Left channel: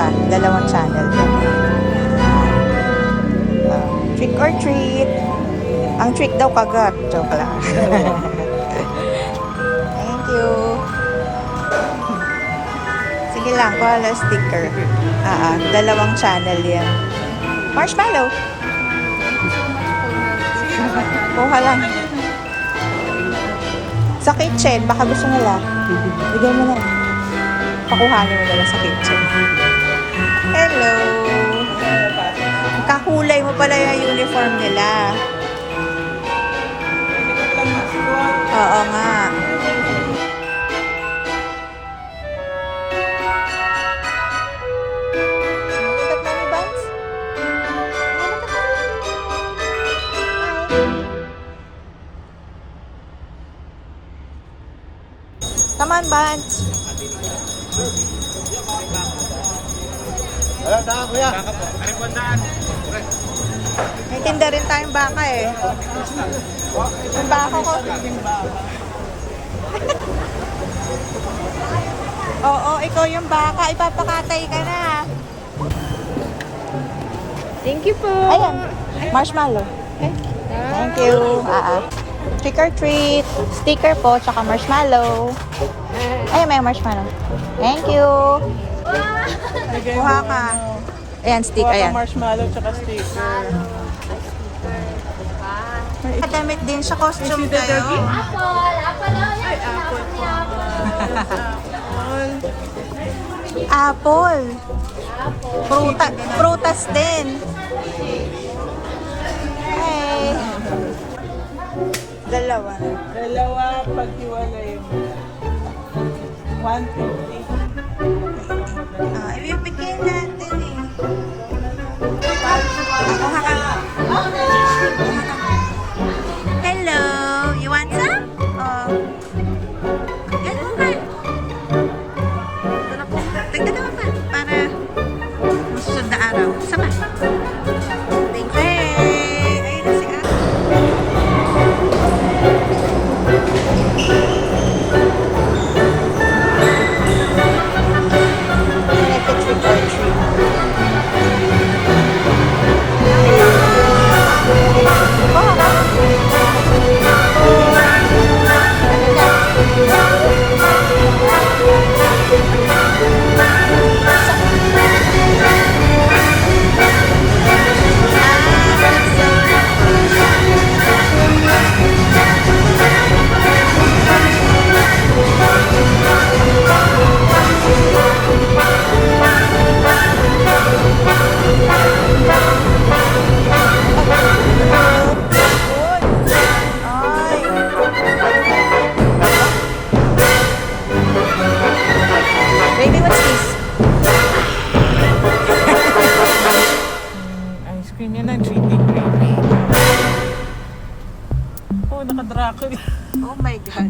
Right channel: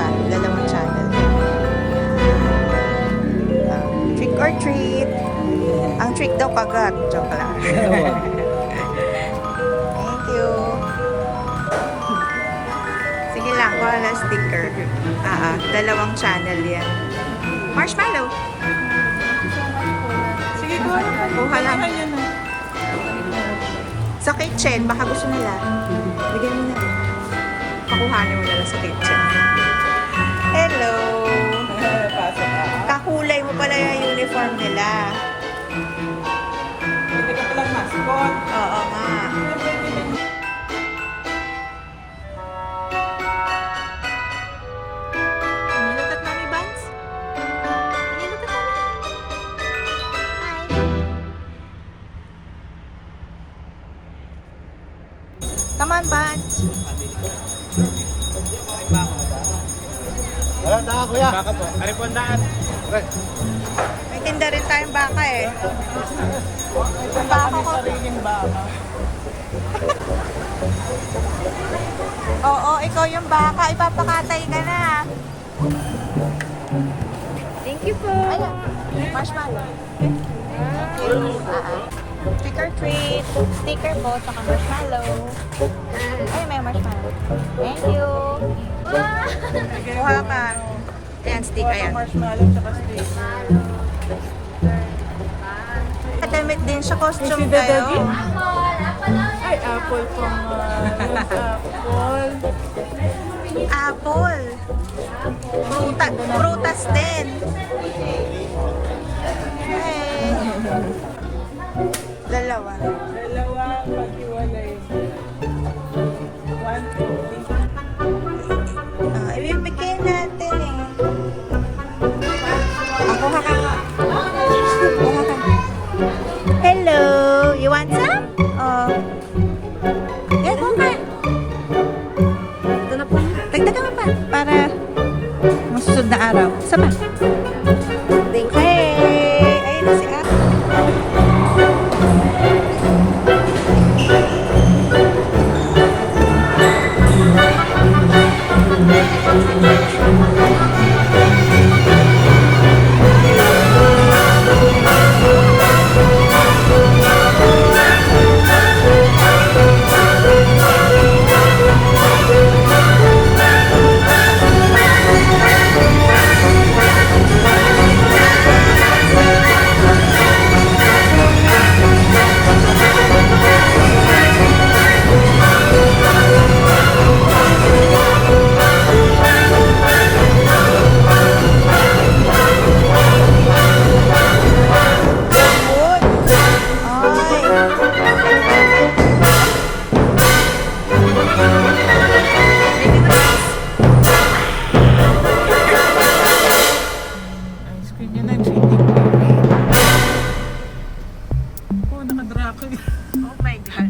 pa. Dalawang channel yan. Trick or treat. Ang trick daw kagat. Joke lang. Thank you. Sige lang, kuha lang sticker. Dalawang channel yan. Marshmallow. Kuha lang. Sa kitchen, baka gusto nila. Bigyan mo na. Pakuhanin mo na sa kitchen. Hello! Kakulay mo pala yung uniform nila. Oo nga. Come on, Bans. May tinda rin tayong baka eh. Yung baka ko. Oo, ikaw yung baka. Ipapakatay ka na. Thank you po. Ayan, marshmallow. Thank you. Trick or treat. Sticker po, tsaka marshmallow. Ay, may marshmallow. Thank you. Kuha ka. Ayan, stick. Ayan. Marshmallow tsaka steak. Damit din siya. Costume kayo. Ay, apple po. Apple. Prutas din. Hey. Dalawa. Dalawa, paghiwalay mo. 150. Ibibigay natin eh. Kuha ka. Kuha ka. Hello. You want some? Oh. Yan, kuha ka. Dagdagan mo pa. Para masusunod na araw. Sama. Thank you. Hey! Ayun na si Ate. Ice cream yan ang cheating cream. Oh, nakadrako. Oh my God.